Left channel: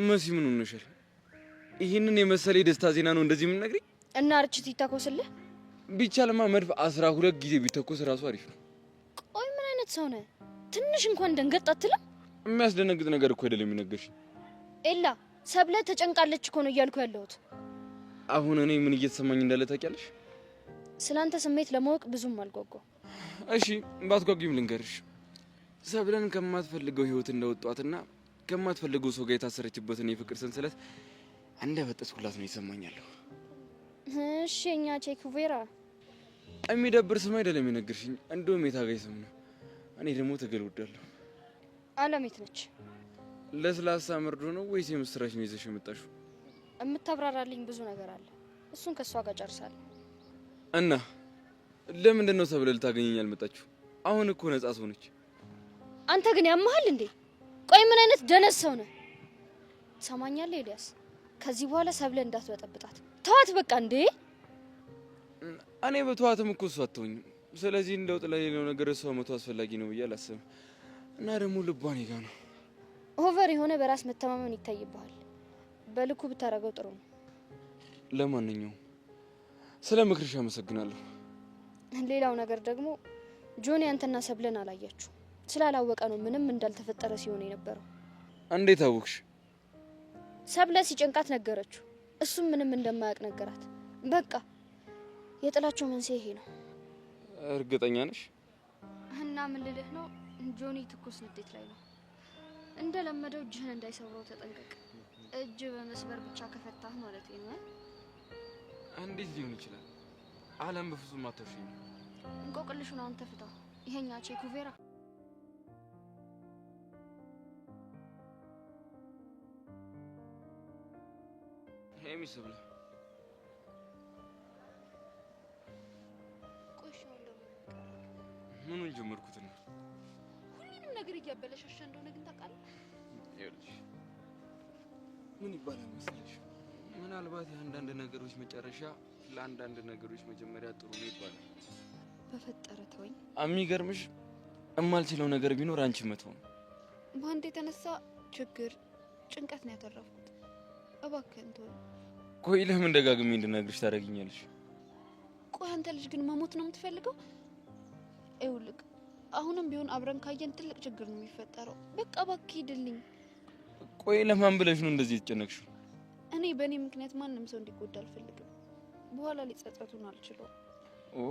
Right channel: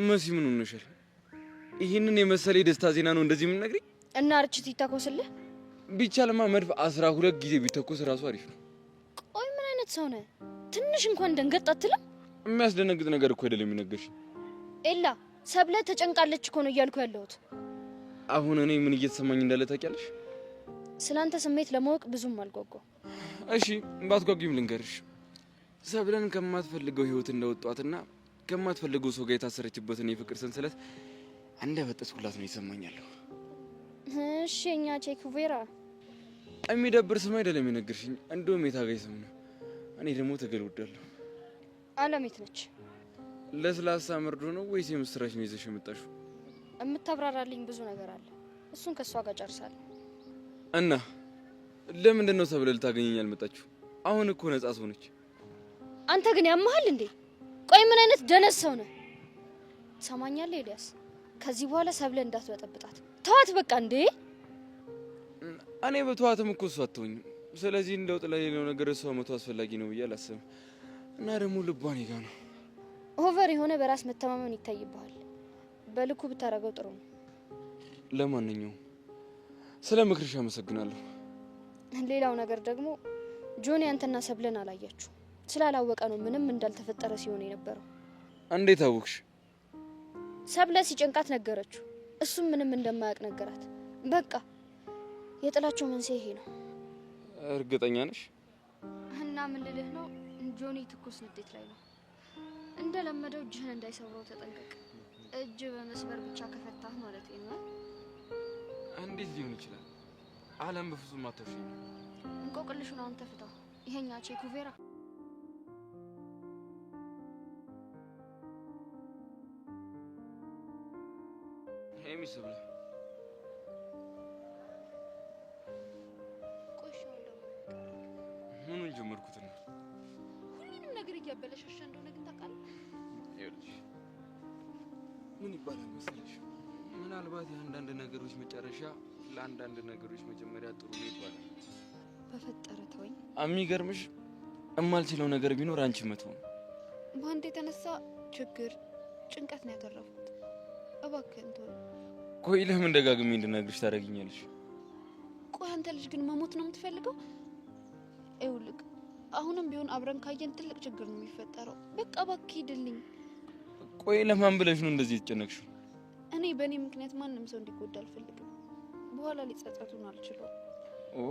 መሲ ምን ሆነሻል? ይሄንን የመሰለ ደስታ ዜና ነው እንደዚህ ምን ነግሪ? እና አርችት ይታኮስልህ ቢቻልማ መድፍ 12 ጊዜ ቢተኮስ ራሱ አሪፍ ነው። ቆይ ምን አይነት ሰው ነህ? ትንሽ እንኳን ደንገጥ አትልም? የሚያስደነግጥ ነገር እኮ አይደለም የሚነገርሽኝ። ኤላ ሰብለ ተጨንቃለች እኮ ነው እያልኩ ያለሁት። አሁን እኔ ምን እየተሰማኝ እንዳለ ታውቂያለሽ? ስላንተ ስሜት ለማወቅ ብዙም አልጓጓም። እሺ ባትጓጉም ልንገርሽ። ሰብለን ከማትፈልገው ህይወት እንደወጣትና ከማትፈልገው ሰው ጋር የታሰረችበትን የፍቅር ሰንሰለት እንደበጠስኩላት ነው ይሰማኛለሁ። እሺ እኛ ቼኩቬራ የሚደብር ስም አይደለም የነገርሽኝ፣ እንደውም የታጋይ ስም ነው። እኔ ደግሞ ትግል ወዳለሁ። አለሜት ነች። ለስላሳ መርዶ ነው ወይስ የምስራች ነው ይዘሽ የመጣሽው? የምታብራራልኝ ብዙ ነገር አለ። እሱን ከሷ ጋር ጨርሳለሁ። እና ለምንድን ነው ሰብለ ልታገኘኝ አልመጣችሁ? አሁን እኮ ነጻ ሰው ነች። አንተ ግን ያመሃል እንዴ? ቆይ ምን አይነት ደነስ ሰው ነህ? ትሰማኛለህ ኤልያስ? ከዚህ በኋላ ሰብለ እንዳትበጠብጣት ተዋት በቃ። እንዴ እኔ በተዋትም እኮ እሷ አትሆኝም። ስለዚህ እንደው ለሌላው ነገር እሷ መቶ አስፈላጊ ነው ብዬ አላስብም። እና ደግሞ ልቧ እኔ ጋ ነው። ኦቨር የሆነ በራስ መተማመን ይታይብሃል። በልኩ ብታረገው ጥሩ ነው። ለማንኛውም ስለ ምክርሽ አመሰግናለሁ። ሌላው ነገር ደግሞ ጆኒ አንተና ሰብለን አላያችሁ። ስላላወቀ ነው ምንም እንዳልተፈጠረ ሲሆን የነበረው። እንዴት አወቅሽ? ሰብለ ሲጨንቃት ነገረችው። እሱም ምንም እንደማያውቅ ነገራት። በቃ የጥላቸው መንስኤ ይሄ ነው። እርግጠኛ ነሽ? እና ምን ልልህ ነው፣ ጆኒ ትኩስ ንዴት ላይ ነው። እንደለመደው እጅህን እንዳይሰብረው ተጠንቀቅ። እጅ በመስበር ብቻ ከፈታህ ማለት ነው። እንዴት ሊሆን ይችላል? አለም በፍጹም አትወሽኝ። እንቆቅልሹን አንተ ፍታው። ይሄኛ ቼኩቬራ ሄሚ ሰብለ ቆሻው ደግሞ ምኑን ጀመርኩት ነው? ሁሉንም ነገር እያበለሻሻ እንደሆነ ግን ታውቃለህ። ይኸውልሽ ምን ይባላል መሰለሽ፣ ምናልባት የአንዳንድ ነገሮች መጨረሻ ለአንዳንድ ነገሮች መጀመሪያ ጥሩ ነው ይባላል። በፈጠረ ተወኝ። የሚገርምሽ እማልችለው ነገር ቢኖር አንቺ መተው ነው። በአንድ የተነሳ ችግር ጭንቀት ነው ያተረፍኩት። እባክህን ተወኝ። ቆይ ለምን ደጋግሜ እንድነግርሽ ታደርጊኛለሽ? ቆይ አንተ ልጅ ግን መሞት ነው የምትፈልገው? ይኸውልህ አሁንም ቢሆን አብረን ካየን ትልቅ ችግር ነው የሚፈጠረው። በቃ እባክህ ሂድልኝ። ቆይ ለማን ብለሽ ነው እንደዚህ የተጨነቅሽው? እኔ በእኔ ምክንያት ማንም ሰው እንዲጎዳ አልፈልግም። በኋላ ሊጸጸቱን አልችለው። ኦ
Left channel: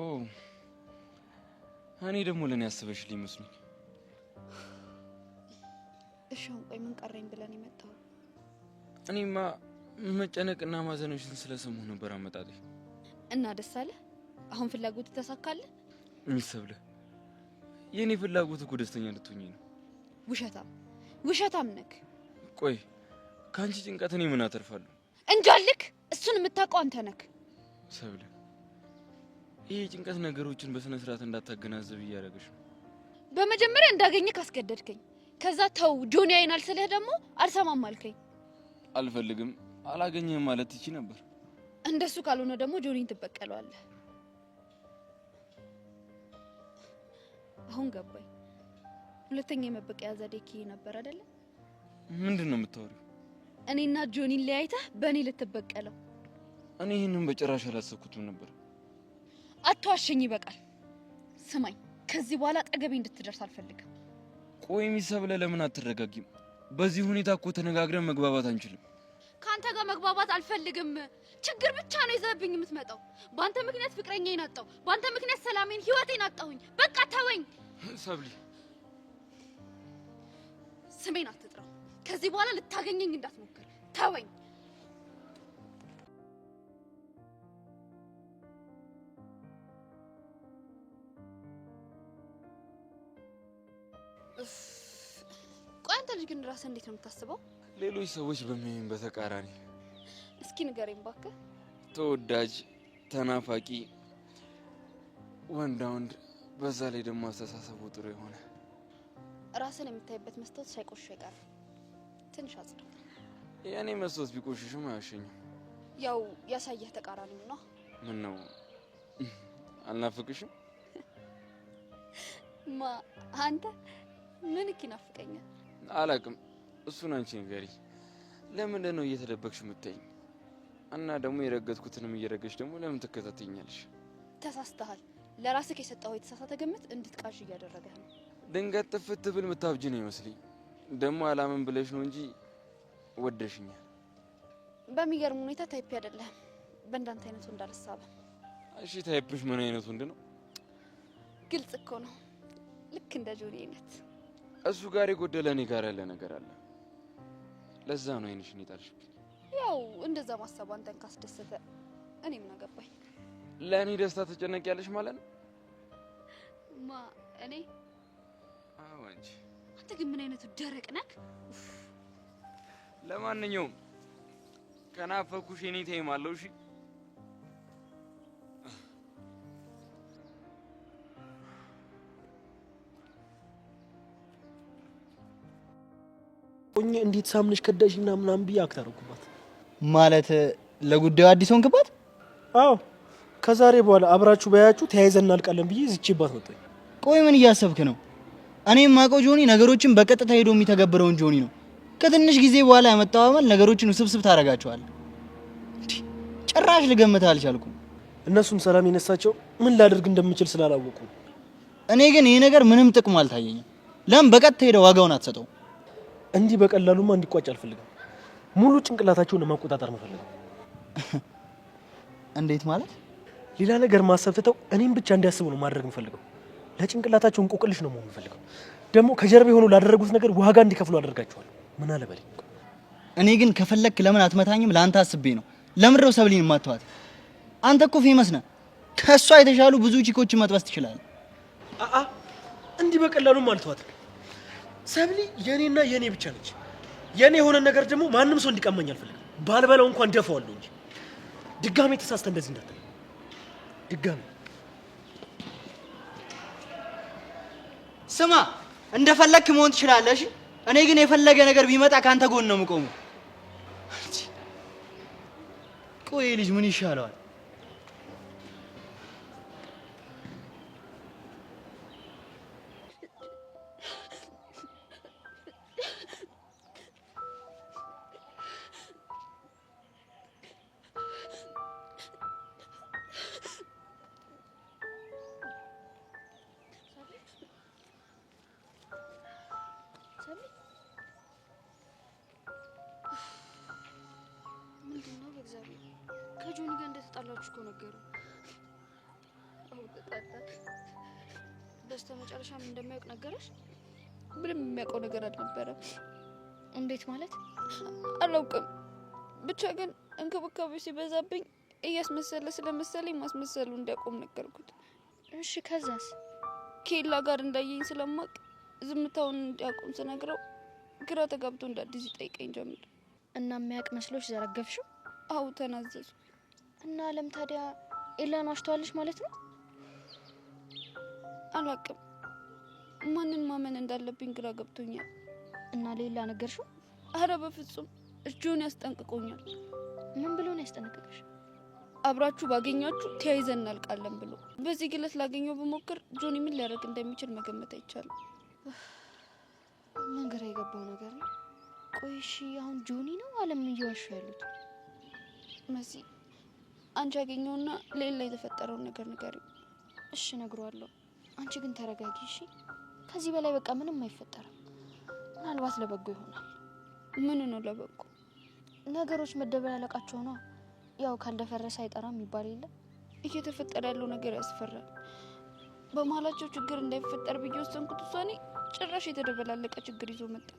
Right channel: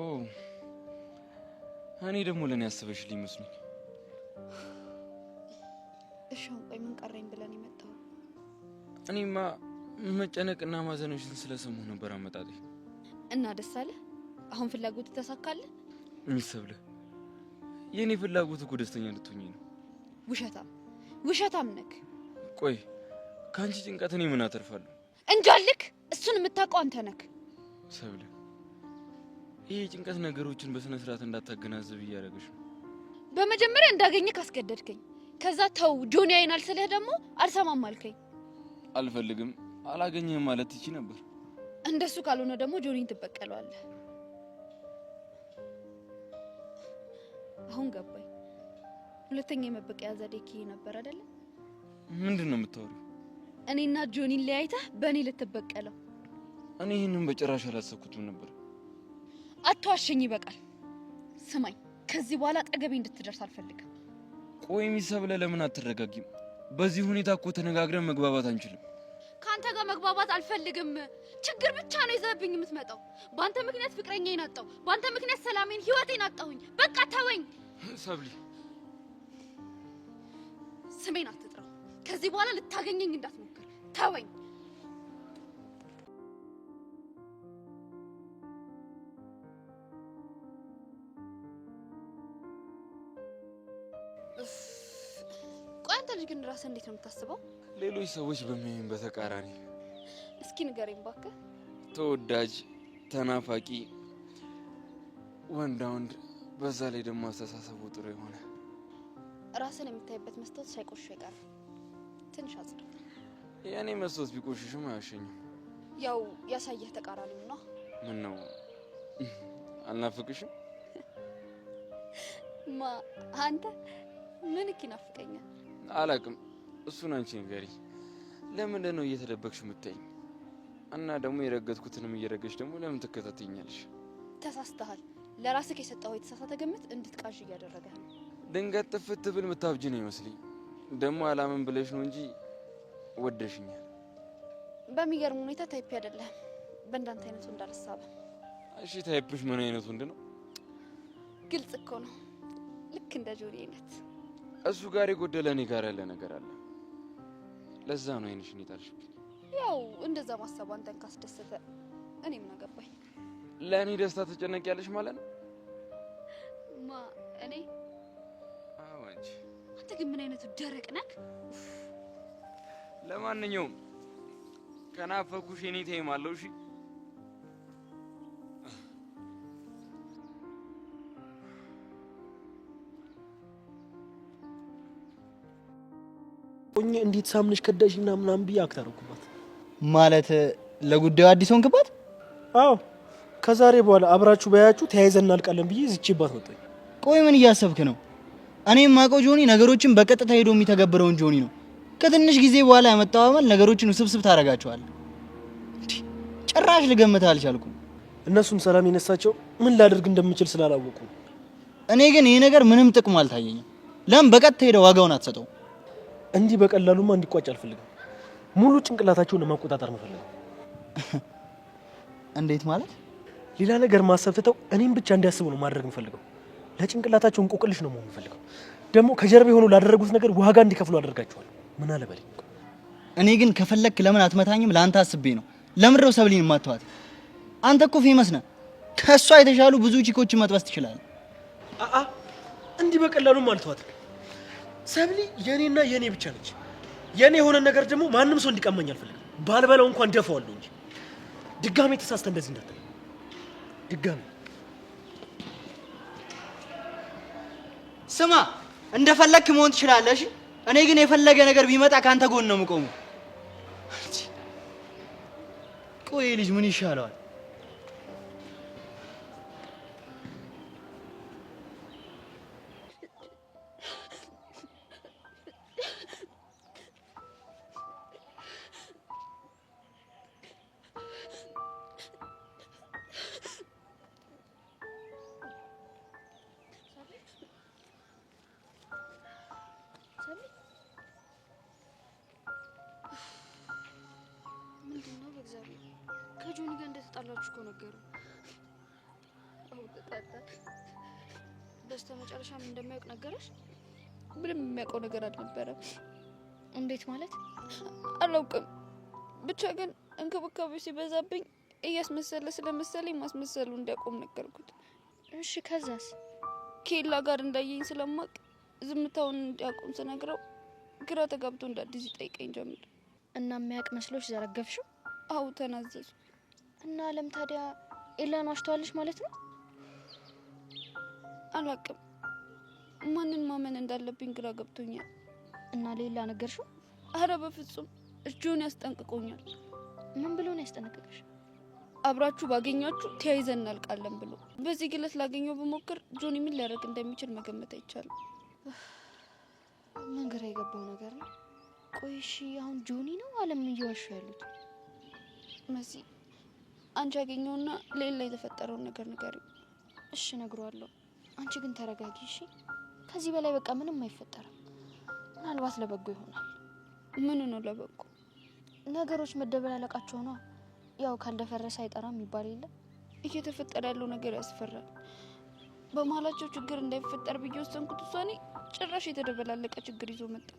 እኔ ደግሞ ለኔ ያስበሽልኝ መስሎኝ። እሺ አሁን ቆይ ምን ቀረኝ ብለን የመጣው? እኔማ መጨነቅና ማዘንሽን ስለሰማሁ ነበር አመጣጤ። እና ደስ አለ? አሁን ፍላጎት ተሳካለ? ሚሰብለ የኔ ፍላጎት እኮ ደስተኛ እንድትሆኚ ነው። ውሸታም ነክ። ቆይ ካንቺ ጭንቀት እኔ ምን አተርፋለሁ? እንጃልክ። እሱን የምታውቀው አንተ ነክ። ሰብለ ይሄ ጭንቀት ነገሮችን በስነ ስርዓት እንዳታገናዘብ እያደረገሽ ነው። በመጀመሪያ እንዳገኘህ ካስገደድከኝ፣ ከዛ ተው ጆኒ አይናል ስለህ ደግሞ አልሰማም አልከኝ። አልፈልግም አላገኘህም ማለት ትቺ ነበር። እንደሱ ካልሆነ ደግሞ ጆኒን ትበቀለዋለህ። አሁን ገባኝ። ሁለተኛ የመበቀያ ዘዴ ይሄ ነበር አይደለ? ምንድነው የምታወሪው? እኔና ጆኒን ለያይተህ በእኔ ልትበቀለው? እኔ ይሄንን በጭራሽ አላሰብኩትም ነበር። አትዋሸኝ፣ ይበቃል። ስማኝ፣ ከዚህ በኋላ አጠገቤ እንድትደርስ አልፈልግም። ቆይ ሚሰብለ ለምን አትረጋጊም? በዚህ ሁኔታ እኮ ተነጋግረን መግባባት አንችልም። ካንተ ጋር መግባባት አልፈልግም። ችግር ብቻ ነው ይዘብኝ የምትመጣው። ባንተ ምክንያት ፍቅረኛዬን አጣሁ። ባንተ ምክንያት ሰላሜን፣ ህይወቴን አጣሁኝ። በቃ ተወኝ። ሰብሊ ስሜን አትጥራው። ከዚህ በኋላ ልታገኘኝ እንዳትሞክር። ተወኝ። ቆይ አንተ ልጅ ግን ራስህ እንዴት ነው የምታስበው? ሌሎች ሰዎች በሚያዩኝ በተቃራኒ። እስኪ ንገረኝ እባክህ። ተወዳጅ፣ ተናፋቂ፣ ወንዳ ወንድ፣ በዛ ላይ ደግሞ አስተሳሰቡ ጥሩ የሆነ ራስን የምታይበት መስታወት ሳይቆሽሽ አይቀርም። ትንሽ አጽዳ። የኔ መስታወት ቢቆሽሽም አያሸኝም። ያው ያሳየህ ተቃራኒው ነው። ምን ነው አልናፍቅሽም? አንተ ምን ይናፍቀኛል? አላውቅም። እሱን አንቺ ንገሪኝ። ለምንድን ነው እየተደበቅሽ የምትይኝ? እና ደግሞ የረገጥኩትንም እየረገሽ ደግሞ ለምን ትከታተኛለሽ? ተሳስተሃል። ለራስህ የሰጠው የተሳሳተ ግምት እንድትቃዥ እያደረገህ ነው። ድንገት ጥፍት ብል ምታብጂ ነው ይመስልኝ። ደግሞ አላምን ብለሽ ነው እንጂ ወደሽኛል። በሚገርም ሁኔታ ታይፕ አይደለም። በእንዳንተ አይነቱ እንዳልሳበ። እሺ ታይፕሽ ምን አይነት ወንድ ነው? ግልጽ እኮ ነው። ልክ እንደ ጆኒ አይነት። እሱ ጋር የጎደለ እኔ ጋር ያለ ነገር አለ። ለዛ ነው አይንሽን ይጣልሽብኝ። ያው እንደዛ ማሰቡ አንተን ካስደሰተ እኔ ምን አገባኝ? ለእኔ ደስታ ትጨነቂያለሽ ማለት ነው? ማ እኔ? አዎ አንቺ። አንተ ግን ምን አይነቱ ደረቅ ነህ? ለማንኛውም ከናፈኩሽ እኔ ተይማለሁ። እሺ ኦኝ እንዴት ሳምነሽ ከዳሽና ምናምን ብዬ አክታረኩባት። ማለት ለጉዳዩ አዲስ ሆንክባት? አዎ ከዛሬ በኋላ አብራችሁ ባያችሁ ተያይዘን እናልቃለን ብዬ ዝቼባት መጣኝ። ቆይ ምን እያሰብክ ነው? እኔም ማውቀው ጆኒ ነገሮችን በቀጥታ ሄዶ የሚተገብረውን ጆኒ ነው። ከትንሽ ጊዜ በኋላ ያመጣው አመል ነገሮችን ውስብስብ ታረጋቸዋል። ጭራሽ ልገምት አልቻልኩም። እነሱን ሰላም የነሳቸው ምን ላደርግ እንደምችል ስላላወቁ። እኔ ግን ይሄ ነገር ምንም ጥቅም አልታየኝም። ለምን በቀጥታ ሄደው ዋጋውን አትሰጠው? እንዲህ በቀላሉማ እንዲቋጭ አልፈልግም። ሙሉ ጭንቅላታቸውን ለማቆጣጠር መፈልገው። እንዴት ማለት? ሌላ ነገር ማሰብ ትተው እኔም ብቻ እንዲያስቡ ነው ማድረግ የምፈልገው። ለጭንቅላታቸው እንቆቅልሽ ነው መሆን የምፈልገው። ደግሞ ከጀርባ ሆነው ላደረጉት ነገር ዋጋ እንዲከፍሉ አደርጋቸዋለሁ። ምን አለ በለኝ። እኔ ግን ከፈለክ ለምን አትመታኝም? ለአንተ አስቤ ነው። ለምን ነው ሰብሊን ማጥፋት? አንተ እኮ ፌመስ ነህ። ከሷ የተሻሉ ብዙ ቺኮች መጥበስ ትችላለህ። እንዲህ በቀላሉም አልተዋትም። ሰብሊ የኔና የኔ ብቻ ነች። የኔ የሆነ ነገር ደግሞ ማንም ሰው እንዲቀማኝ አልፈልግም። ባልበላው እንኳን ደፋዋለሁ እንጂ ድጋሜ ተሳስተ እንደዚህ እንዳትል። ድጋሜ ስማ፣ እንደፈለክ መሆን ትችላለህ። እሺ እኔ ግን የፈለገ ነገር ቢመጣ ካንተ ጎን ነው የምቆመው። ቆይ ልጅ ምን ይሻለዋል? ምንድነው? በእግዚአብሔር ከጆኒ ጋር እንደተጣላችሁ እኮ ነገሩ። አው ተጣጣ። በስተመጨረሻም እንደማያውቅ ነገረሽ? ምንም የሚያውቀው ነገር አልነበረም። እንዴት ማለት? አላውቅም። ብቻ ግን እንክብካቤ ሲበዛብኝ እያስመሰለ ስለመሰለኝ ማስመሰሉ እንዲያቆም ነገርኩት። እሺ ከዛስ? ኬላ ጋር እንዳየኝ ስለማቅ ዝምታውን እንዲያቆም ስነግረው ግራ ተጋብቶ እንደ አዲስ ይጠይቀኝ ጀመረ። እና የሚያውቅ መስሎሽ ዘረገፍሽው? አው ተናዘዙ። እና አለም ታዲያ ኤላን ዋሽቷልሽ ማለት ነው? አላውቅም። ማንን ማመን እንዳለብኝ ግራ ገብቶኛል። እና ሌላ ነገርሽው? አረ በፍጹም ጆኒ ያስጠንቅቆኛል። ምን ብሎ ነው ያስጠነቀቀሽ? አብራችሁ ባገኛችሁ ተያይዘን እናልቃለን ብሎ። በዚህ ግለት ላገኘው በሞክር ጆኒ ምን ሊያደርግ እንደሚችል መገመት አይቻልም። ምን ግራ የገባው ነገር ነው። ቆይ እሺ አሁን ጆኒ ነው አለም እየዋሹ ያሉት? መሲ አንቺ ያገኘውና ሌላ የተፈጠረውን ነገር ንገሪው። እሺ እነግረዋለሁ። አንቺ ግን ተረጋጊ እሺ። ከዚህ በላይ በቃ ምንም አይፈጠርም። ምናልባት ለበጎ ይሆናል። ምን ነው ለበጎ? ነገሮች መደበላለቃቸው ነው። ያው ካልደፈረሰ አይጠራም ይባል የለ። እየተፈጠረ ያለው ነገር ያስፈራል። በመሀላቸው ችግር እንዳይፈጠር ብዬ ወሰንኩት ውሳኔ ጭራሽ የተደበላለቀ ችግር ይዞ መጣ።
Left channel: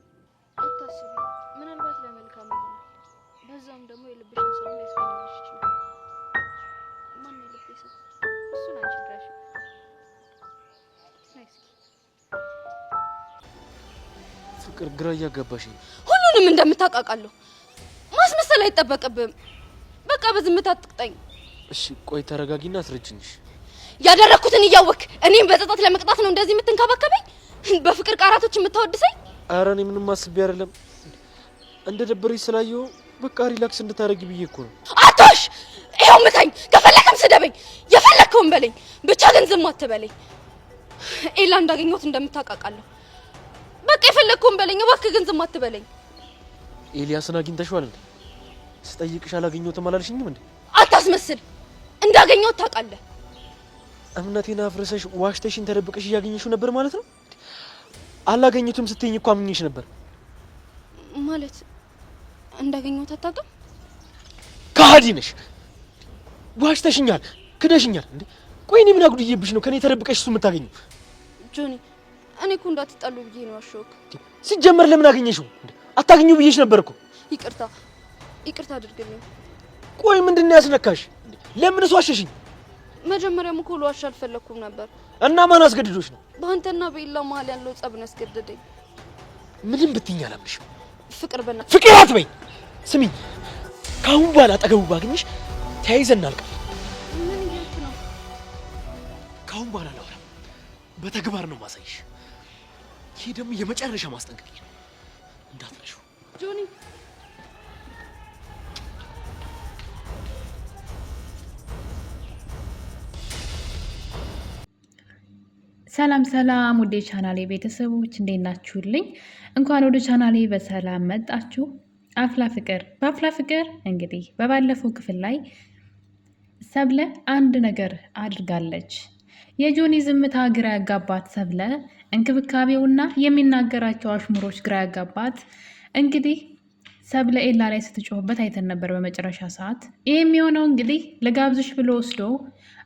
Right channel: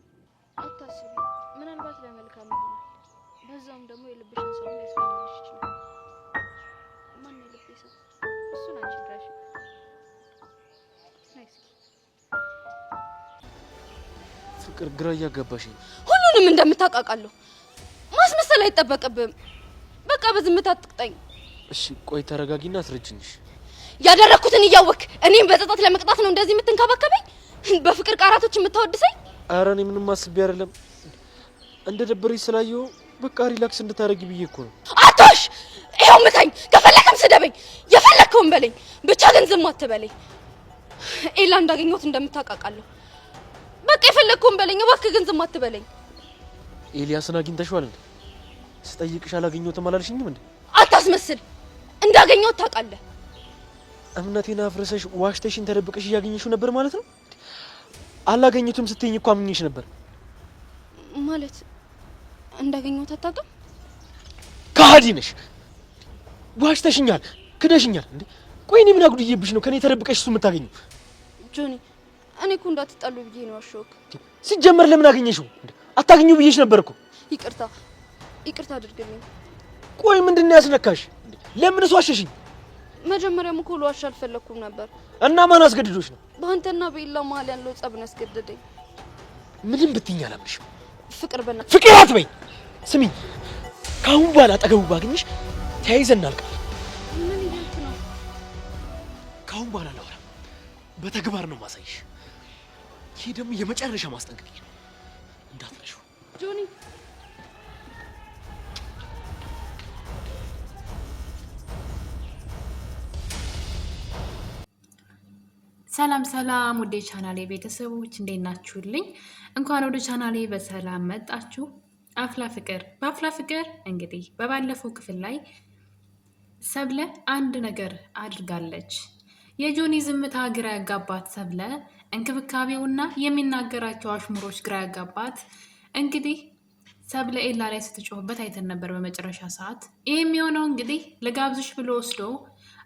አታስቢ፣ ምናልባት ለመልካም ይሆናል። በዛውም ደግሞ የልብሽን ሰው ሊያስገኝልሽ ይችላል። ማን የልብ ሰው? እሱን አንቺ ድረሽ። ናይስ ፍቅር ግራ እያጋባሽኝ። ሁሉንም እንደምታቃቃለሁ ማስመሰል አይጠበቅብም። በቃ በዝምታ አትቅጠኝ። እሺ ቆይ ተረጋጊና አስረጅኝሽ። ያደረኩትን እያወክ እኔም በጸጸት ለመቅጣት ነው እንደዚህ የምትንከባከበኝ? በፍቅር ቃራቶች የምታወድሰኝ? ኧረ እኔ ምንም አስቤ አይደለም። እንደ ደበረኝ ስላየሁ በቃ ሪላክስ እንድታረጊ ብዬ እኮ ነው። አቶሽ ይሄው ምታኝ፣ ከፈለከም ስደበኝ፣ የፈለከውን በለኝ፣ ብቻ ግን ዝም አትበለኝ። ኤላ እንዳገኘሁት እንደምታቃቃለሁ። በቃ የፈለከውን በለኝ፣ እባክህ ግን ዝም አትበለኝ። ኤልያስን አግኝተሽዋል እንዴ? ስጠይቅሽ አላገኘሁትም አላልሽኝም እንዴ? አታስመስል። እንዳገኘሁት ታውቃለህ። እምነቴን አፍርሰሽ ዋሽተሽን ተደብቀሽ እያገኘሽው ነበር ማለት ነው? አላገኘሁትም ስትይኝ እኮ አምኜሽ ነበር። ማለት እንዳገኘሁት አታውቅም? ከሃዲ ነሽ። ዋሽተሽኛል፣ ክደሽኛል እንዴ? ቆይ እኔ ምን አጉድዬብሽ ነው ከኔ ተደብቀሽ እሱ የምታገኘው? ጆኒ እኔ እኮ እንዳትጣሉ ብዬ ነው አሾክ። ሲጀመር ለምን አገኘሽው እንዴ? አታገኘው ብዬሽ ነበር እኮ። ይቅርታ አድርግልኝ። ቆይ ምንድነው ያስነካሽ? ለምን እሱ ዋሸሽኝ? መጀመሪያም እኮ ልዋሽ አልፈለኩም ነበር። እና ማን አስገድዶሽ ነው? በአንተና በኤላ መሀል ያለው ጸብ ነው ያስገደደኝ። ምንም ብትይኝ አላምንሽም። ፍቅር ፍቅር አትበኝ። ስሚኝ፣ ካሁን በኋላ አጠገቡ ባገኝሽ ተያይዘን እናልቃለን። ምን እያልክ ነው? ካሁን በኋላ ላውራ፣ በተግባር ነው ማሳይሽ። ይሄ ደግሞ የመጨረሻ ማስጠንቀቂያ ነው፣ እንዳትረሺው ጆኒ። ሰላም ሰላም፣ ወደ ቻናሌ ቤተሰቦች እንዴት ናችሁልኝ? እንኳን ወደ ቻናሌ በሰላም መጣችሁ። አፍላ ፍቅር በአፍላ ፍቅር እንግዲህ በባለፈው ክፍል ላይ ሰብለ አንድ ነገር አድርጋለች። የጆኒ ዝምታ ግራ ያጋባት ሰብለ፣ እንክብካቤውና የሚናገራቸው አሽሙሮች ግራ ያጋባት። እንግዲህ ሰብለ ኤላ ላይ ስትጮህበት አይተን ነበር በመጨረሻ ሰዓት። ይህ የሚሆነው እንግዲህ ለጋብዝሽ ብሎ ወስዶ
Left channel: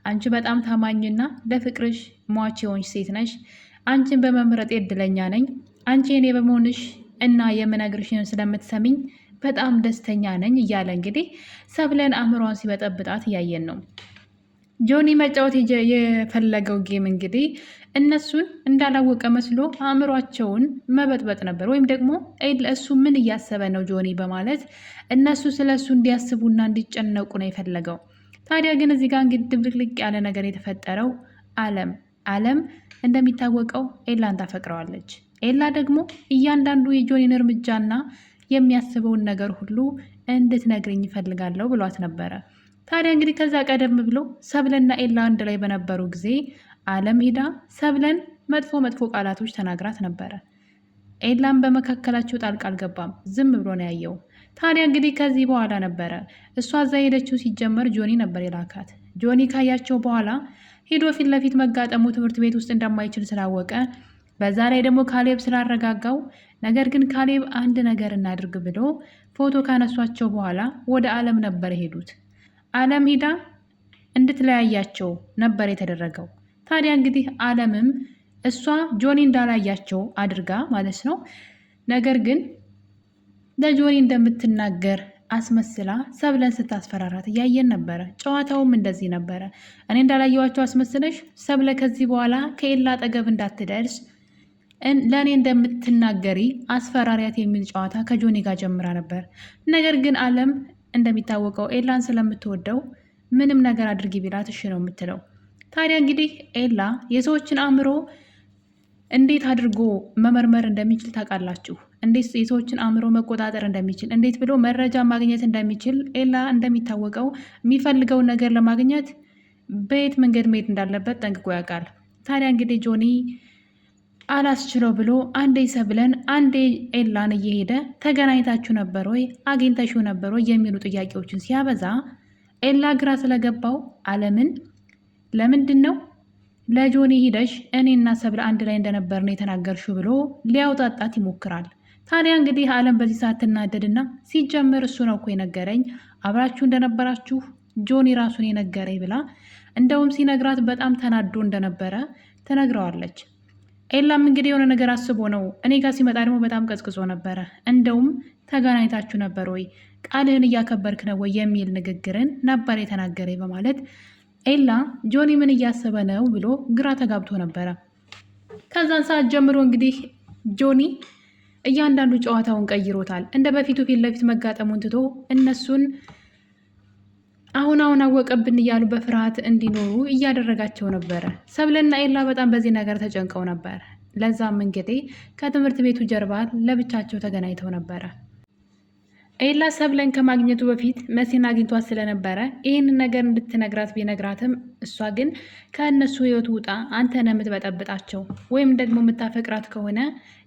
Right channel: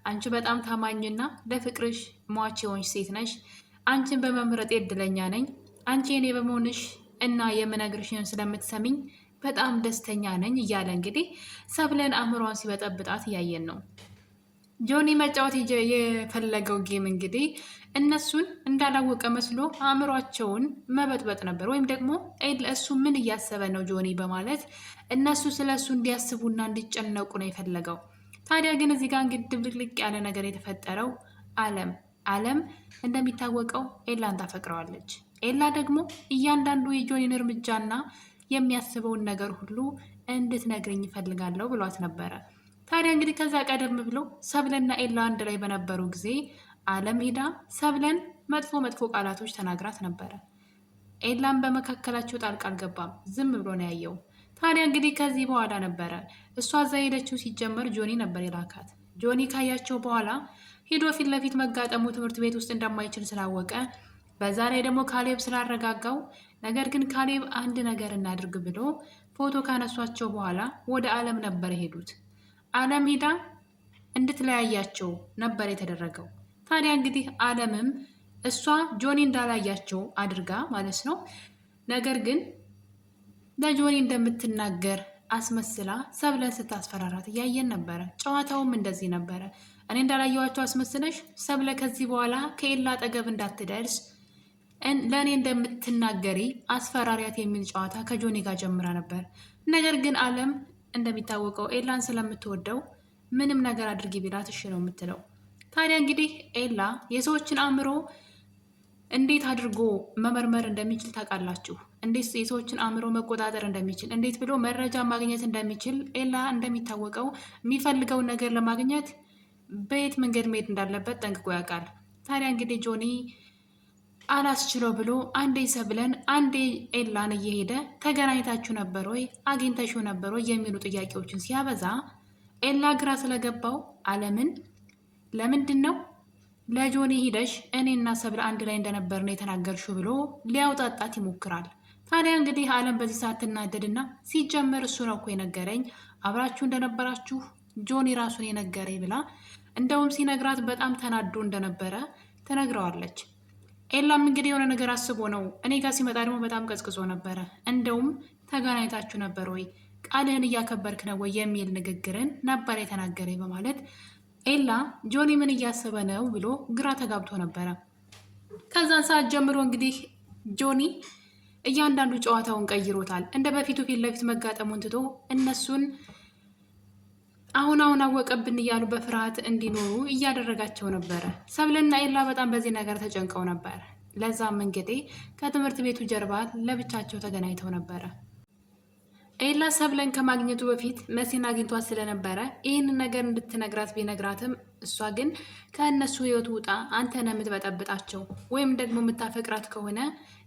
አንቺ በጣም ታማኝና ለፍቅርሽ ሟች የሆንሽ ሴት ነሽ፣ አንቺን በመምረጥ እድለኛ ነኝ፣ አንቺ እኔ በመሆንሽ እና የምነግርሽን ስለምትሰሚኝ በጣም ደስተኛ ነኝ እያለ እንግዲህ ሰብለን አእምሯን ሲበጠብጣት እያየን ነው። ጆኒ መጫወት የፈለገው ጌም እንግዲህ እነሱን እንዳላወቀ መስሎ አእምሯቸውን መበጥበጥ ነበር። ወይም ደግሞ እሱ ምን እያሰበ ነው ጆኒ በማለት እነሱ ስለ እሱ እንዲያስቡና እንዲጨነቁ ነው የፈለገው። ታዲያ ግን እዚህ ጋር እንግዲህ ድብልቅልቅ ያለ ነገር የተፈጠረው አለም እንደሚታወቀው ኤላን ታፈቅረዋለች። ኤላ ደግሞ እያንዳንዱ የጆኒን እርምጃና የሚያስበውን ነገር ሁሉ እንድትነግረኝ ይፈልጋለሁ ብሏት ነበረ። ታዲያ እንግዲህ ከዛ ቀደም ብሎ ሰብለና ኤላ አንድ ላይ በነበሩ ጊዜ አለም ሄዳ ሰብለን መጥፎ ቃላቶች ተናግራት ነበረ። ኤላም በመካከላቸው ጣልቃ አልገባም፣ ዝም ብሎ ነው ያየው። ታዲያ እንግዲህ ከዚህ በኋላ ነበረ እሷ እዛ ሄደችው። ሲጀመር ጆኒ ነበር የላካት። ጆኒ ካያቸው በኋላ ሄዶ ፊት ለፊት መጋጠሙ ትምህርት ቤት ውስጥ እንደማይችል ስላወቀ፣ በዛ ላይ ደግሞ ካሌብ ስላረጋጋው፣ ነገር ግን ካሌብ አንድ ነገር እናድርግ ብሎ ፎቶ ካነሷቸው በኋላ ወደ አለም ነበር የሄዱት። አለም ሂዳ እንድትለያያቸው ነበር የተደረገው። ታዲያ እንግዲህ አለምም እሷ ጆኒ እንዳላያቸው አድርጋ ማለት ነው፣ ነገር ግን ለጆኒ እንደምትናገር አስመስላ ሰብለን ስታስፈራራት እያየን ነበረ። ጨዋታውም እንደዚህ ነበረ። እኔ እንዳላየዋቸው አስመስለሽ ሰብለ ከዚህ በኋላ ከኤላ አጠገብ እንዳትደርስ ለእኔ እንደምትናገሪ አስፈራሪያት የሚል ጨዋታ ከጆኒ ጋር ጀምራ ነበር። ነገር ግን አለም እንደሚታወቀው ኤላን ስለምትወደው ምንም ነገር አድርጊ ቢላት እሺ ነው የምትለው። ታዲያ እንግዲህ ኤላ የሰዎችን አእምሮ እንዴት አድርጎ መመርመር እንደሚችል ታውቃላችሁ። እንዴት የሰዎችን አእምሮ መቆጣጠር እንደሚችል፣ እንዴት ብሎ መረጃ ማግኘት እንደሚችል ኤላ እንደሚታወቀው የሚፈልገውን ነገር ለማግኘት በየት መንገድ መሄድ እንዳለበት ጠንቅቆ ያውቃል። ታዲያ እንግዲህ ጆኒ አላስችለው ብሎ አንዴ ሰብለን አንዴ ኤላን እየሄደ ተገናኝታችሁ ነበር ወይ አግኝተሽው ነበር ወይ የሚሉ ጥያቄዎችን ሲያበዛ ኤላ ግራ ስለገባው አለምን ለምንድን ነው ለጆኒ ሂደሽ እኔና ሰብለ አንድ ላይ እንደነበር ነው የተናገርሽው ብሎ ሊያውጣጣት ይሞክራል። ታዲያ እንግዲህ አለም በዚህ ሰዓት ትናደድና ሲጀምር እሱ ነው እኮ የነገረኝ፣ አብራችሁ እንደነበራችሁ ጆኒ ራሱን የነገረኝ ብላ እንደውም ሲነግራት በጣም ተናዶ እንደነበረ ትነግረዋለች። ኤላም እንግዲህ የሆነ ነገር አስቦ ነው፣ እኔ ጋር ሲመጣ ደግሞ በጣም ቀዝቅዞ ነበረ፣ እንደውም ተገናኝታችሁ ነበር ወይ ቃልህን እያከበርክ ነው ወይ የሚል ንግግርን ነበር የተናገረኝ በማለት ኤላ ጆኒ ምን እያሰበ ነው ብሎ ግራ ተጋብቶ ነበረ። ከዛን ሰዓት ጀምሮ እንግዲህ ጆኒ እያንዳንዱ ጨዋታውን ቀይሮታል። እንደ በፊቱ ፊት ለፊት መጋጠሙን ትቶ እነሱን አሁን አወቀብን እያሉ በፍርሃት እንዲኖሩ እያደረጋቸው ነበረ። ሰብለና ኤላ በጣም በዚህ ነገር ተጨንቀው ነበር። ለዛም እንግዲህ ከትምህርት ቤቱ ጀርባ ለብቻቸው ተገናኝተው ነበረ። ኤላ ሰብለን ከማግኘቱ በፊት መሲን አግኝቷት ስለነበረ ይህንን ነገር እንድትነግራት ቢነግራትም እሷ ግን ከእነሱ ህይወት ውጣ፣ አንተ ነህ የምትበጠብጣቸው፣ ወይም ደግሞ የምታፈቅራት ከሆነ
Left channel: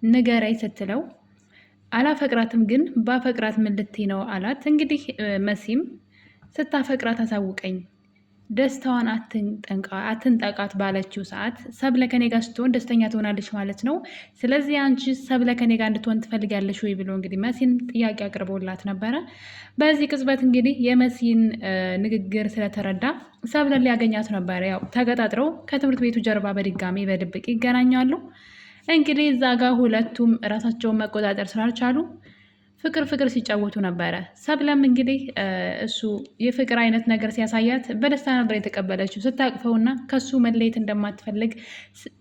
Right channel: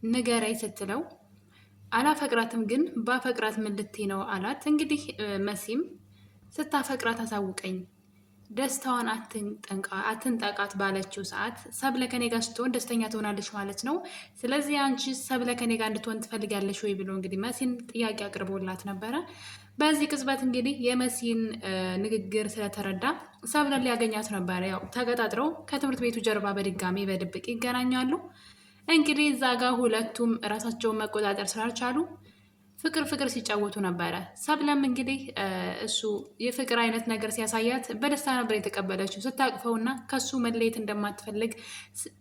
ንገረኝ ስትለው አላፈቅራትም፣ ግን ባፈቅራት ምን ልትይ ነው አላት። እንግዲህ መሲም ስታፈቅራት አሳውቀኝ፣ ደስታዋን አትንጠቃት ባለችው ሰዓት ሰብለ ከኔ ጋር ስትሆን ደስተኛ ትሆናለች ማለት ነው። ስለዚህ አንቺ ሰብለ ከኔ ጋር እንድትሆን ትፈልጊያለሽ ወይ ብሎ እንግዲህ መሲን ጥያቄ አቅርቦላት ነበረ። በዚህ ቅጽበት እንግዲህ የመሲን ንግግር ስለተረዳ ሰብለን ሊያገኛት ነበረ። ያው ተገጣጥረው ከትምህርት ቤቱ ጀርባ በድጋሚ በድብቅ ይገናኛሉ። እንግዲህ እዛ ጋር ሁለቱም ራሳቸውን መቆጣጠር ስላልቻሉ ፍቅር ሲጫወቱ ነበረ። ሰብለም እንግዲህ እሱ የፍቅር አይነት ነገር ሲያሳያት በደስታ ነበር የተቀበለችው። ስታቅፈውና ከሱ መለየት እንደማትፈልግ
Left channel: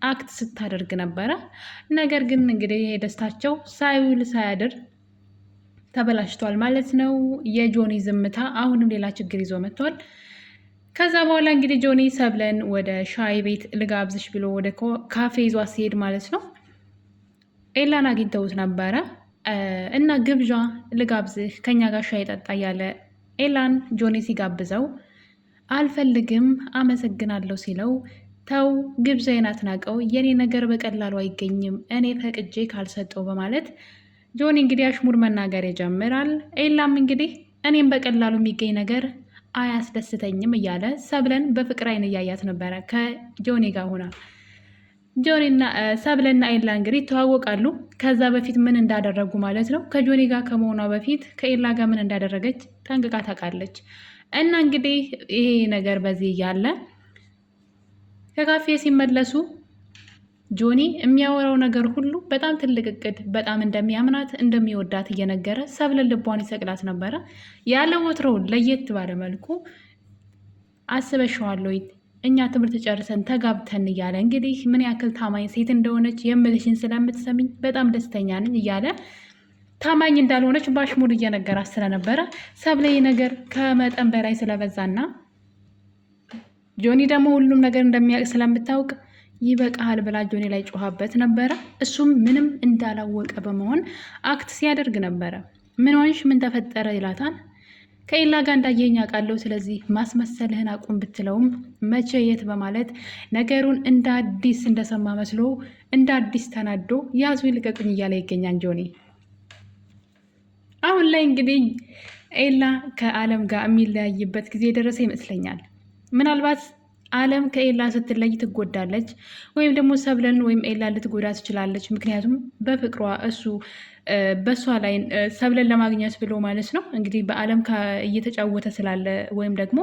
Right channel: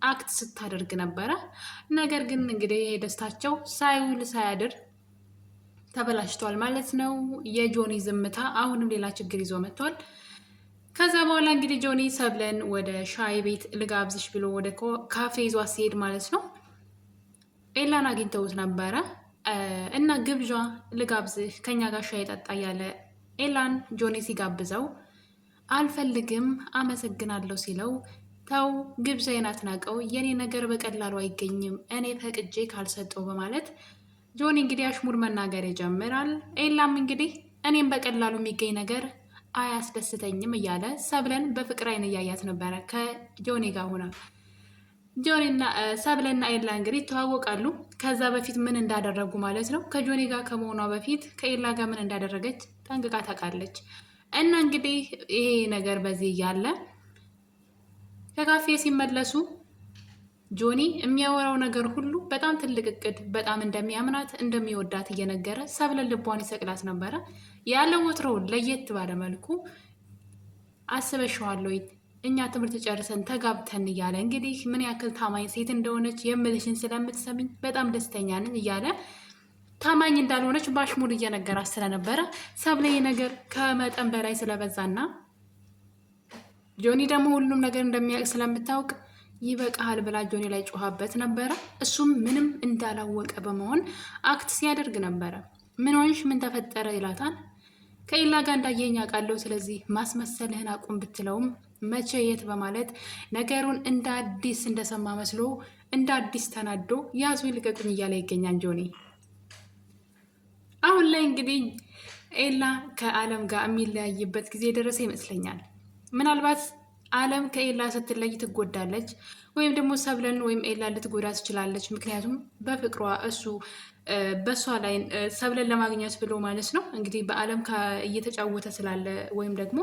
አክት ስታደርግ ነበረ። ነገር ግን እንግዲህ ደስታቸው ሳይውል ሳያድር ተበላሽቷል ማለት ነው። የጆኒ ዝምታ አሁንም ሌላ ችግር ይዞ መጥቷል። ከዛ በኋላ እንግዲህ ጆኒ ሰብለን ወደ ሻይ ቤት ልጋብዝሽ ብሎ ወደ ካፌ ይዟ ሲሄድ ማለት ነው ኤላን አግኝተውት ነበረ እና ግብዣ ልጋብዝህ ከኛ ጋር ሻይ ጠጣ እያለ ኤላን ጆኒ ሲጋብዘው አልፈልግም አመሰግናለሁ ሲለው ተው ግብዣዬን አትናቀው፣ የኔ ነገር በቀላሉ አይገኝም እኔ ፈቅጄ ካልሰጠው በማለት ጆኒ እንግዲህ አሽሙር መናገር ይጀምራል። ኤላም እንግዲህ እኔም በቀላሉ የሚገኝ ነገር አያስደስተኝም እያለ ሰብለን በፍቅር አይን እያያት ነበረ ከጆኒ ጋር ሆና። ጆኒና ሰብለና ኤላ እንግዲህ ይተዋወቃሉ። ከዛ በፊት ምን እንዳደረጉ ማለት ነው። ከጆኒ ጋር ከመሆኗ በፊት ከኤላ ጋር ምን እንዳደረገች ጠንቅቃ ታውቃለች። እና እንግዲህ ይሄ ነገር በዚህ እያለ ከካፌ ሲመለሱ ጆኒ የሚያወራው ነገር ሁሉ በጣም ትልቅ እቅድ፣ በጣም እንደሚያምናት እንደሚወዳት እየነገረ ሰብለን ልቧን ይሰቅላት ነበረ። ያለ ወትሮው ለየት ባለ መልኩ አስበሽዋለሁ እኛ ትምህርት ጨርሰን ተጋብተን እያለ እንግዲህ ምን ያክል ታማኝ ሴት እንደሆነች የምልሽን ስለምትሰሚኝ በጣም ደስተኛ ነኝ እያለ ታማኝ እንዳልሆነች በአሽሙር እየነገራት ስለነበረ ሰብለ ነገር ከመጠን በላይ ስለበዛና ጆኒ ደግሞ ሁሉም ነገር እንደሚያውቅ ስለምታውቅ ይበቃሃል ብላ ጆኒ ላይ ጮኻበት ነበረ። እሱም ምንም እንዳላወቀ በመሆን አክት ሲያደርግ ነበረ። ምን ሆንሽ? ምን ተፈጠረ? ይላታል። ከኤላ ጋር እንዳየኝ አውቃለሁ፣ ስለዚህ ማስመሰልህን አቁም ብትለውም መቼ የት በማለት ነገሩን እንደ አዲስ እንደሰማ መስሎ እንደ አዲስ ተናዶ ያዙ ይልቀቁኝ እያለ ይገኛል ጆኒ። አሁን ላይ እንግዲህ ኤላ ከአለም ጋር የሚለያይበት ጊዜ የደረሰ ይመስለኛል። ምናልባት አለም ከኤላ ስትለይ ትጎዳለች፣ ወይም ደግሞ ሰብለን ወይም ኤላ ልትጎዳ ትችላለች። ምክንያቱም በፍቅሯ እሱ በእሷ ላይ ሰብለን ለማግኘት ብሎ ማለት ነው እንግዲህ በአለም እየተጫወተ ስላለ ወይም ደግሞ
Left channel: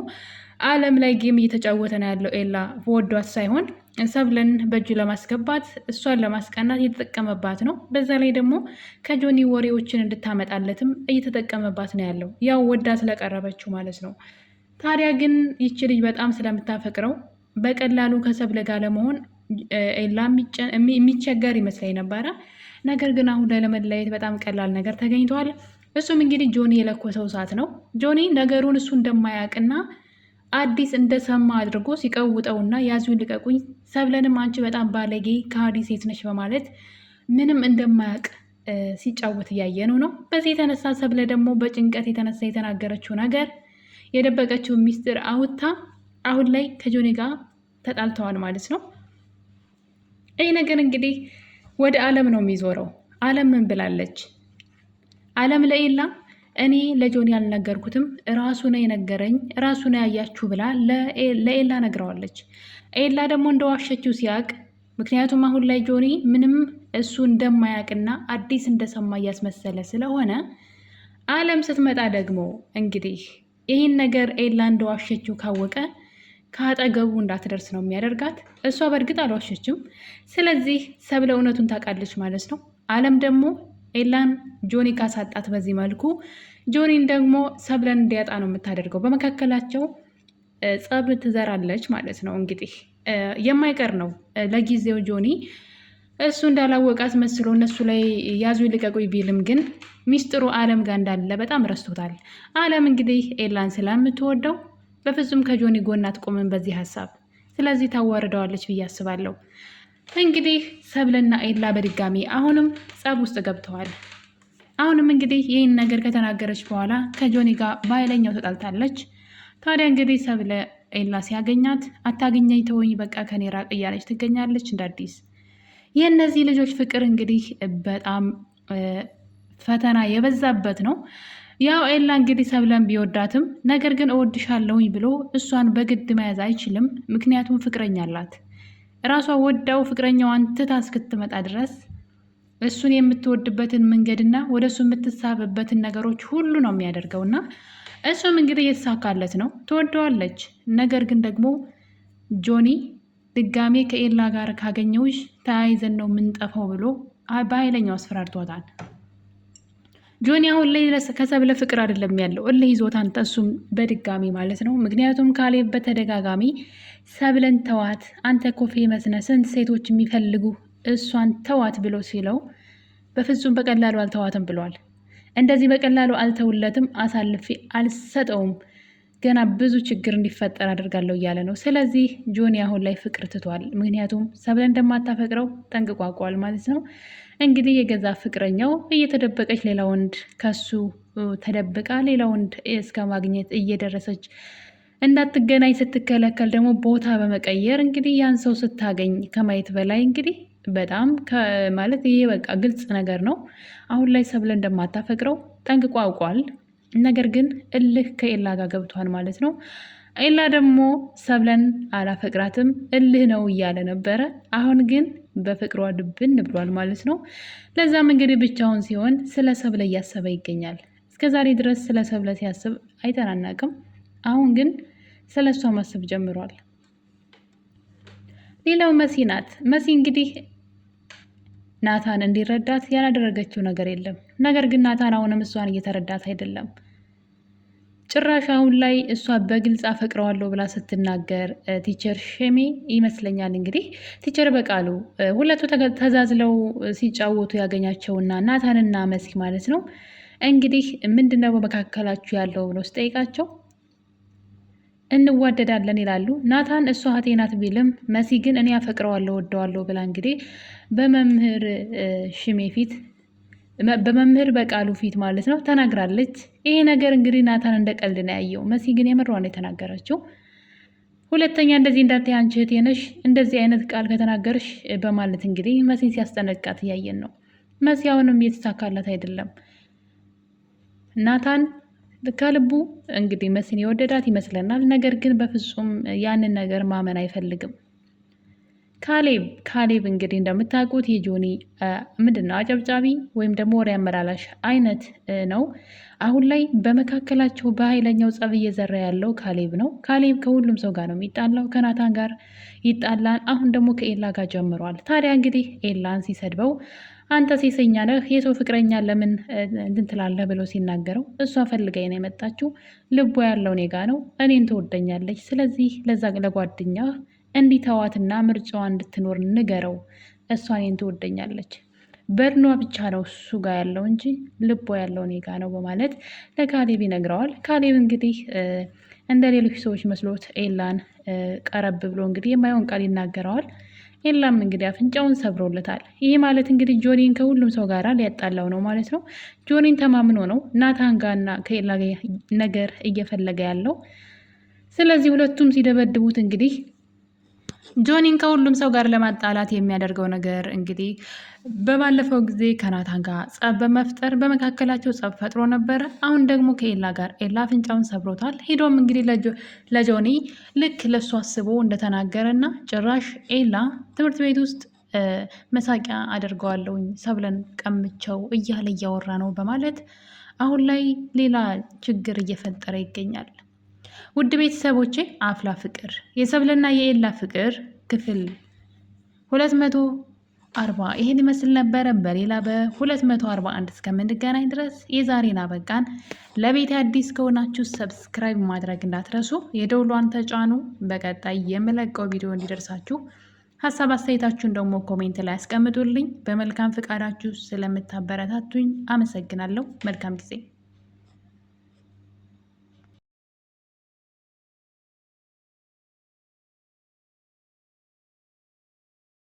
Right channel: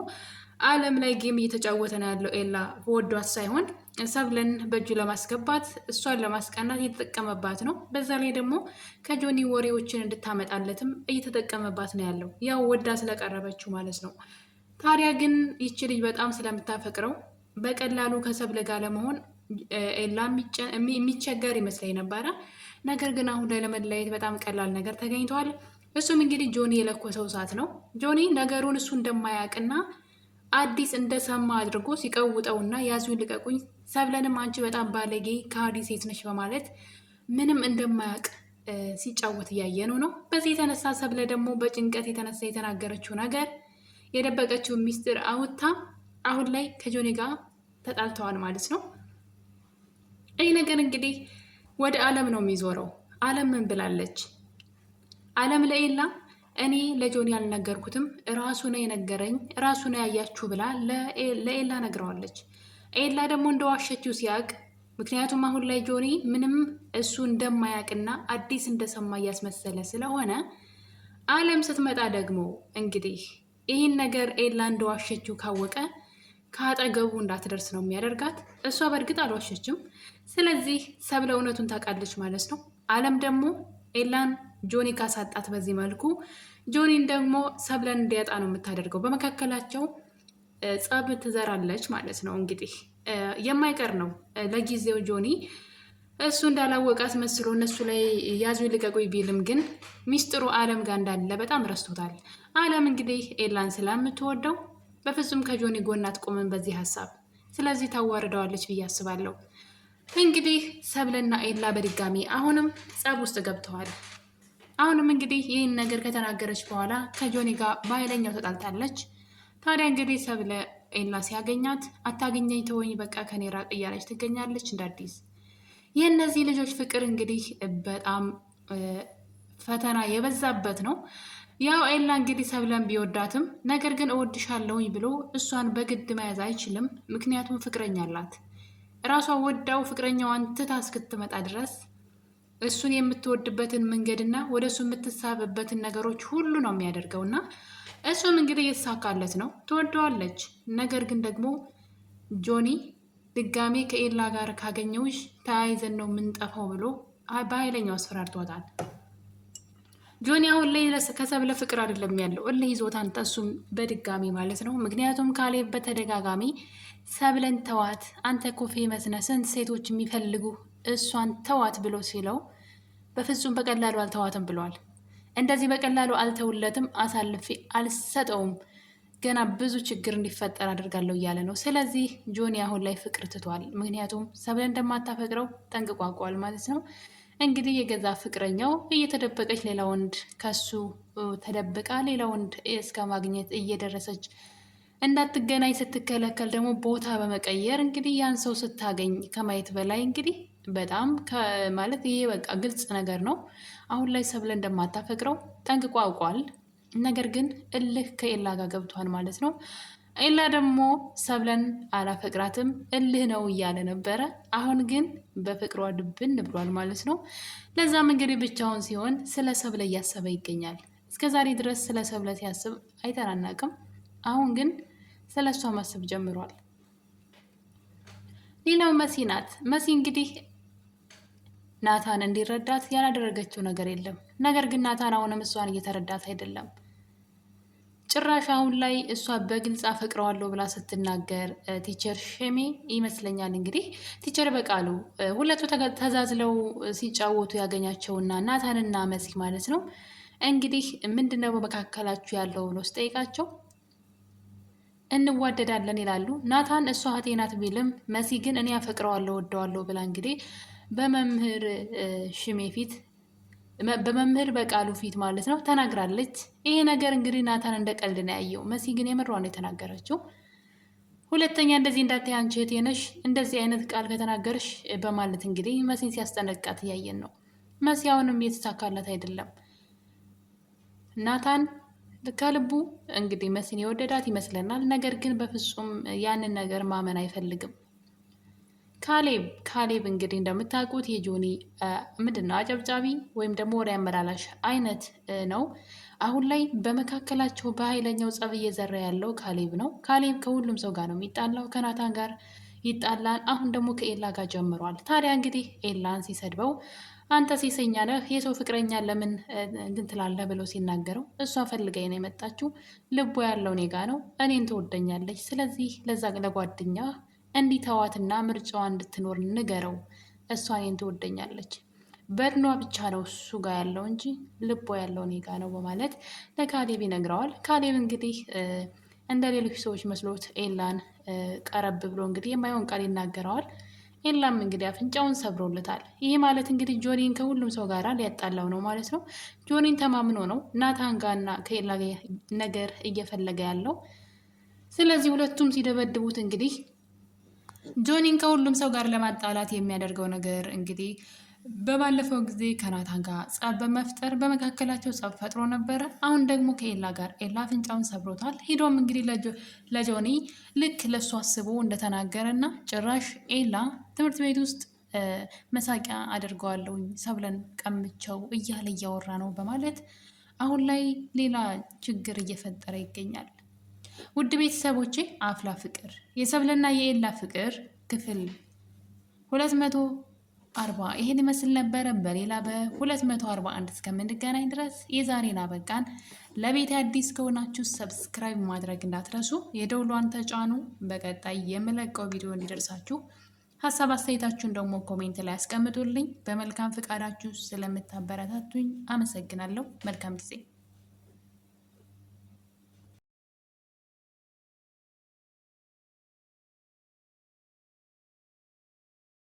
አለም ላይ ጌም እየተጫወተ ነው ያለው ኤላ ወዷት ሳይሆን ሰብለን በእጁ ለማስገባት እሷን ለማስቀናት እየተጠቀመባት ነው። በዛ ላይ ደግሞ ከጆኒ ወሬዎችን እንድታመጣለትም እየተጠቀመባት ነው ያለው፣ ያው ወዳ ስለቀረበችው ማለት ነው። ታዲያ ግን ይቺ ልጅ በጣም ስለምታፈቅረው በቀላሉ ከሰብለ ጋር ለመሆን ኤላ የሚቸገር ይመስለኝ ነበረ። ነገር ግን አሁን ላይ ለመለያየት በጣም ቀላል ነገር ተገኝተዋል። እሱም እንግዲህ ጆኒ የለኮሰው እሳት ነው። ጆኒ ነገሩን እሱ እንደማያውቅና አዲስ እንደሰማ አድርጎ ሲቀውጠውና ያዙኝ ልቀቁኝ፣ ሰብለንም አንቺ በጣም ባለጌ ከሃዲ ሴት ነች በማለት ምንም እንደማያውቅ ሲጫወት እያየነው ነው። በዚህ የተነሳ ሰብለ ደግሞ በጭንቀት የተነሳ የተናገረችው ነገር የደበቀችው ሚስጥር አውጥታ አሁን ላይ ከጆኒ ጋር ተጣልተዋል ማለት ነው። ይህ ነገር እንግዲህ ወደ አለም ነው የሚዞረው። አለም ምን ብላለች? አለም ለኤላ እኔ ለጆኒ ያልነገርኩትም ራሱ ነው የነገረኝ፣ ራሱ ነው ያያችሁ ብላ ለኤላ ነግረዋለች። ኤላ ደግሞ እንደዋሸችው ሲያቅ፣ ምክንያቱም አሁን ላይ ጆኒ ምንም እሱ እንደማያውቅና አዲስ እንደሰማ እያስመሰለ ስለሆነ አለም ስትመጣ ደግሞ እንግዲህ ይህን ነገር ኤላ እንደዋሸችው ካወቀ ከአጠገቡ እንዳትደርስ ነው የሚያደርጋት። እሷ በእርግጥ አልዋሸችም። ስለዚህ ሰብለ እውነቱን ታውቃለች ማለት ነው። አለም ደግሞ ኤላን ጆኒ ካሳጣት በዚህ መልኩ ጆኒን ደግሞ ሰብለን እንዲያጣ ነው የምታደርገው። በመካከላቸው ጸብ ትዘራለች ማለት ነው። እንግዲህ የማይቀር ነው። ለጊዜው ጆኒ እሱ እንዳላወቃት መስሎ እነሱ ላይ ያዙ ይልቀቁኝ ቢልም ግን ሚስጥሩ አለም ጋር እንዳለ በጣም ረስቶታል። አለም እንግዲህ ኤላን ስለምትወደው በፍጹም ከጆኒ ጎን አትቆምም በዚህ ሀሳብ። ስለዚህ ታዋርደዋለች ብዬ አስባለሁ። እንግዲህ ሰብለና ኤላ በድጋሚ አሁንም ጸብ ውስጥ ገብተዋል። አሁንም እንግዲህ ይህን ነገር ከተናገረች በኋላ ከጆኒ ጋር በኃይለኛው ተጣልታለች። ታዲያ እንግዲህ ሰብለ ኤላ ሲያገኛት አታገኘኝ፣ ተወኝ፣ በቃ ከኔ ራቅ እያለች ትገኛለች እንደ አዲስ። የእነዚህ ልጆች ፍቅር እንግዲህ በጣም ፈተና የበዛበት ነው። ያው ኤላ እንግዲህ ሰብለን ቢወዳትም ነገር ግን እወድሻለሁኝ ብሎ እሷን በግድ መያዝ አይችልም። ምክንያቱም ፍቅረኛ አላት። ራሷ ወዳው ፍቅረኛዋን ትታ እስክትመጣ ድረስ እሱን የምትወድበትን መንገድና ወደ እሱ የምትሳብበትን ነገሮች ሁሉ ነው የሚያደርገውና እሱም እንግዲህ እየተሳካለት ነው። ትወደዋለች። ነገር ግን ደግሞ ጆኒ ድጋሜ ከኤላ ጋር ካገኘውሽ ተያይዘን ነው የምንጠፋው ብሎ በኃይለኛው አስፈራርቷታል። ጆኒ አሁን ላይ ከሰብለ ፍቅር አይደለም ያለው፣ እልህ ይዞታን እሱም በድጋሚ ማለት ነው። ምክንያቱም ካሌብ በተደጋጋሚ ሰብለን ተዋት፣ አንተ ኮፌ መስነ ስንት ሴቶች የሚፈልጉ እሷን ተዋት ብሎ ሲለው በፍጹም በቀላሉ አልተዋትም ብሏል። እንደዚህ በቀላሉ አልተውለትም፣ አሳልፌ አልሰጠውም፣ ገና ብዙ ችግር እንዲፈጠር አድርጋለሁ እያለ ነው። ስለዚህ ጆኒ አሁን ላይ ፍቅር ትቷል። ምክንያቱም ሰብለን እንደማታፈቅረው ጠንቅቋቋል ማለት ነው። እንግዲህ የገዛ ፍቅረኛው እየተደበቀች ሌላ ወንድ ከሱ ተደብቃ ሌላ ወንድ እስከ ማግኘት እየደረሰች እንዳትገናኝ ስትከለከል ደግሞ ቦታ በመቀየር እንግዲህ ያን ሰው ስታገኝ ከማየት በላይ እንግዲህ በጣም ማለት ይሄ በቃ ግልጽ ነገር ነው። አሁን ላይ ሰብለ እንደማታፈቅረው ጠንቅቆ አውቋል። ነገር ግን እልህ ከኤላ ጋር ገብቷል ማለት ነው። ኤላ ደግሞ ሰብለን አላፈቅራትም እልህ ነው እያለ ነበረ። አሁን ግን በፍቅሯ ድብን ብሏል ማለት ነው። ለዛም እንግዲህ ብቻውን ሲሆን ስለ ሰብለ እያሰበ ይገኛል። እስከዛሬ ድረስ ስለ ሰብለ ሲያስብ አይተናናቅም። አሁን ግን ስለ እሷ ማሰብ ጀምሯል። ሌላው መሲ ናት። መሲ እንግዲህ ናታን እንዲረዳት ያላደረገችው ነገር የለም። ነገር ግን ናታን አሁንም እሷን እየተረዳት አይደለም። ጭራሽ አሁን ላይ እሷ በግልጽ አፈቅረዋለሁ ብላ ስትናገር ቲቸር ሸሜ ይመስለኛል እንግዲህ ቲቸር በቃሉ ሁለቱ ተዛዝለው ሲጫወቱ ያገኛቸውና ናታንና መሲ ማለት ነው። እንግዲህ ምንድነው በመካከላችሁ ያለው ብሎ ስጠይቃቸው እንዋደዳለን ይላሉ። ናታን እሷ እህቴ ናት ቢልም መሲ ግን እኔ አፈቅረዋለሁ ወደዋለሁ ብላ እንግዲህ በመምህር ሽሜ ፊት በመምህር በቃሉ ፊት ማለት ነው ተናግራለች። ይሄ ነገር እንግዲህ ናታን እንደ ቀልድ ነው ያየው። መሲ ግን የምሯን ነው የተናገረችው። ሁለተኛ እንደዚህ እንዳትዪ አንቺ እህቴ ነሽ እንደዚህ አይነት ቃል ከተናገርሽ በማለት እንግዲህ መሲን ሲያስጠነቃት እያየን ነው። መሲ አሁንም እየተሳካላት አይደለም። ናታን ከልቡ እንግዲህ መሲን የወደዳት ይመስለናል። ነገር ግን በፍጹም ያንን ነገር ማመን አይፈልግም። ካሌብ እንግዲህ እንደምታውቁት የጆኒ ምንድነው አጨብጫቢ ወይም ደግሞ ወሬ አመላላሽ አይነት ነው። አሁን ላይ በመካከላቸው በኃይለኛው ጸብ እየዘራ ያለው ካሌብ ነው። ካሌብ ከሁሉም ሰው ጋር ነው የሚጣላው። ከናታን ጋር ይጣላል። አሁን ደግሞ ከኤላ ጋር ጀምሯል። ታዲያ እንግዲህ ኤላን ሲሰድበው አንተ ሴሰኛ ነህ፣ የሰው ፍቅረኛ ለምን እንትን ትላለህ ብሎ ሲናገረው እሷ ፈልጋኝ ነው የመጣችው፣ ልቧ ያለው እኔ ጋ ነው፣ እኔን ትወደኛለች። ስለዚህ ለዛ ለጓደኛ እንዲተዋትና ምርጫዋ እንድትኖር ንገረው፣ እሷ እኔን ትወደኛለች፣ በድኗ ብቻ ነው እሱ ጋር ያለው እንጂ ልቧ ያለው እኔ ጋ ነው በማለት ለካሌብ ይነግረዋል። ካሌብ እንግዲህ እንደ ሌሎች ሰዎች መስሎት ኤላን ቀረብ ብሎ እንግዲህ የማይሆን ቃል ይናገረዋል። ኤላም እንግዲህ አፍንጫውን ሰብሮለታል። ይሄ ማለት እንግዲህ ጆኒን ከሁሉም ሰው ጋር ሊያጣላው ነው ማለት ነው። ጆኒን ተማምኖ ነው ናታን ጋርና ከኤላ ነገር እየፈለገ ያለው። ስለዚህ ሁለቱም ሲደበድቡት እንግዲህ ጆኒን ከሁሉም ሰው ጋር ለማጣላት የሚያደርገው ነገር እንግዲህ በባለፈው ጊዜ ከናታን ጋር ጸብ በመፍጠር በመካከላቸው ጸብ ፈጥሮ ነበረ። አሁን ደግሞ ከኤላ ጋር ኤላ አፍንጫውን ሰብሮታል። ሄዶም እንግዲህ ለጆኒ ልክ ለሱ አስቦ እንደተናገረና ጭራሽ ኤላ ትምህርት ቤት ውስጥ መሳቂያ አድርገዋለሁኝ ሰብለን ቀምቸው እያለ እያወራ ነው በማለት አሁን ላይ ሌላ ችግር እየፈጠረ ይገኛል። ውድ ቤተሰቦቼ አፍላ ፍቅር የሰብልና የኤላ ፍቅር ክፍል 240 ይሄን ይመስል ነበረ። በሌላ በ241 እስከምንገናኝ ድረስ የዛሬን አበቃን። ለቤት አዲስ ከሆናችሁ ሰብስክራይብ ማድረግ እንዳትረሱ፣ የደውሏን ተጫኑ። በቀጣይ የምለቀው ቪዲዮ እንዲደርሳችሁ ሀሳብ አስተያየታችሁን ደግሞ ኮሜንት ላይ አስቀምጡልኝ። በመልካም ፍቃዳችሁ ስለምታበረታቱኝ አመሰግናለሁ። መልካም ጊዜ